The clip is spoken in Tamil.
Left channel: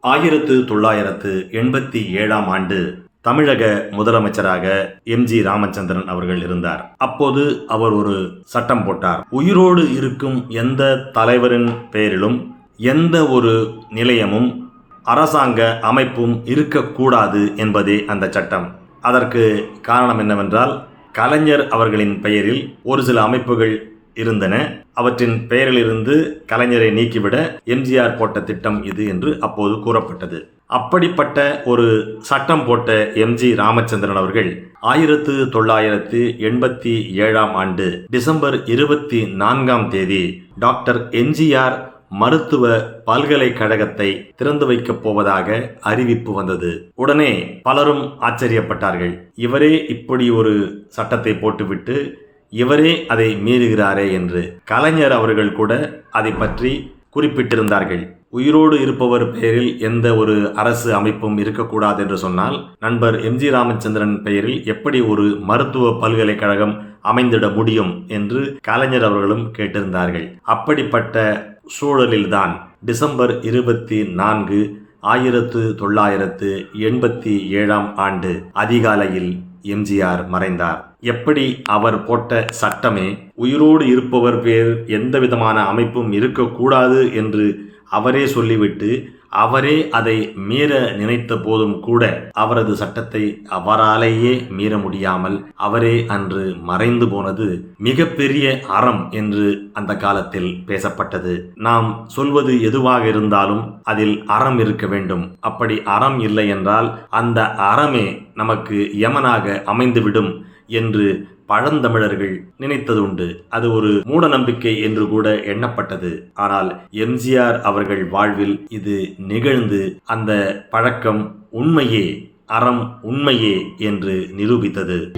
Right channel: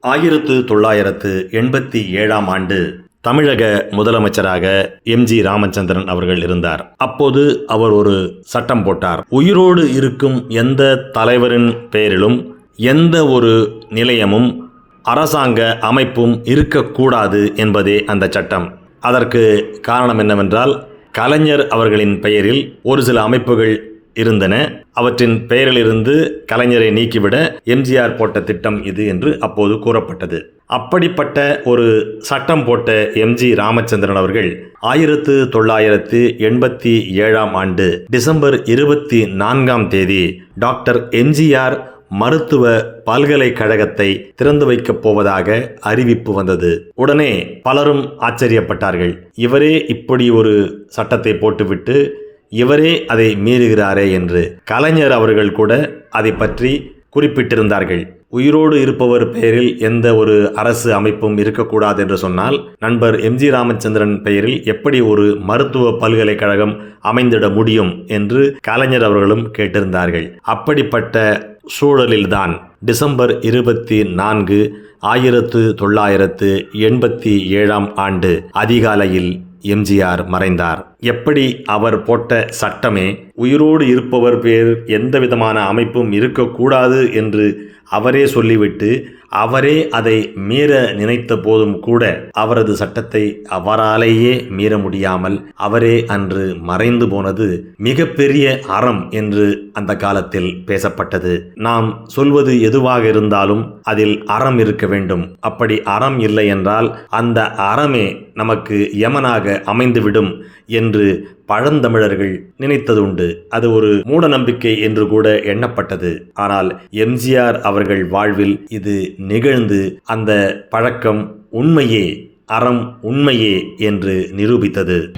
ஆயிரத்து தொள்ளாயிரத்து எண்பத்தி ஏழாம் ஆண்டு தமிழக முதலமைச்சராக எம்ஜி ராமச்சந்திரன் அவர்கள் இருந்தார். அப்போது அவர் ஒரு சட்டம் போட்டார். உயிரோடு இருக்கும் எந்த தலைவரின் பெயரிலும் எந்த ஒரு நிலையமும் அரசாங்க அமைப்பும் இருக்கக்கூடாது என்பதே அந்த சட்டம். அதற்கு காரணம் என்னவென்றால் கலைஞர் அவர்களின் பெயரில் ஒரு சில அமைப்புகள் இருந்தன. அவற்றின் பெயரிலிருந்து கலைஞரை நீக்கிவிட எம்ஜிஆர் போட்ட திட்டம் இது என்று அப்போது கூறப்பட்டது. அப்படிப்பட்ட ஒரு சட்டம் போட்ட எம்ஜி ராமச்சந்திரன் அவர்கள் ஆயிரத்து தொள்ளாயிரத்து எண்பத்தி ஏழாம் ஆண்டு டிசம்பர் இருபத்தி நான்காம் தேதி டாக்டர் எம்ஜிஆர் மருத்துவ பல்கலைக்கழகத்தை திறந்து வைக்கப் போவதாக அறிவிப்பு வந்தது. உடனே பலரும் ஆச்சரியப்பட்டார்கள். இவரே இப்படி ஒரு சட்டத்தை போட்டுவிட்டு இவரே அதை மீறுகிறாரே என்று கலைஞர் அவர்கள் கூட அதை பற்றி குறிப்பிட்டிருந்தார்கள். உயிரோடு இருப்பவர் பெயரில் எந்த ஒரு அரசு அமைப்பும் இருக்கக்கூடாது என்று சொன்னால் நண்பர் எம்ஜி ராமச்சந்திரன் பெயரில் எப்படி ஒரு மருத்துவ பல்கலைக்கழகம் அமைந்திட முடியும் என்று கலைஞர் அவர்களும் கேட்டிருந்தார்கள். அப்படிப்பட்ட சூழலில்தான் டிசம்பர் இருபத்தி நான்கு ஆயிரத்து தொள்ளாயிரத்து எண்பத்தி ஏழாம் ஆண்டு அதிகாலையில் எம்ஜிஆர் மறைந்தார். எப்படி அவர் போட்ட சட்டமே உயிரோடு இருப்பவர் பேர் எந்த விதமான அமைப்பும் இருக்கக்கூடாது என்று அவரே சொல்லிவிட்டு அவரே அதை மீற நினைத்த போதும் கூட அவரது சட்டத்தை அவராலேயே மீற முடியாமல் அவரே அன்று மறைந்து போனது மிகப்பெரிய அறம் என்று அந்த காலத்தில் பேசப்பட்டது. நாம் சொல்வது எதுவாக இருந்தாலும் அதில் அறம் இருக்க வேண்டும். அப்படி அறம் இல்லை என்றால் அந்த அறமே நமக்கு யமனாக அமைந்துவிடும் என்று பழந்தமிழர்கள் நினைத்ததுண்டு. அது ஒரு மூட நம்பிக்கை என்று கூட எண்ணப்பட்டது. ஆனால் எம்ஜிஆர் அவர்கள் வாழ்வில் இது நிகழ்ந்து அந்த பழக்கம் உண்மையே அறம் உண்மையே என்று நிரூபித்தது.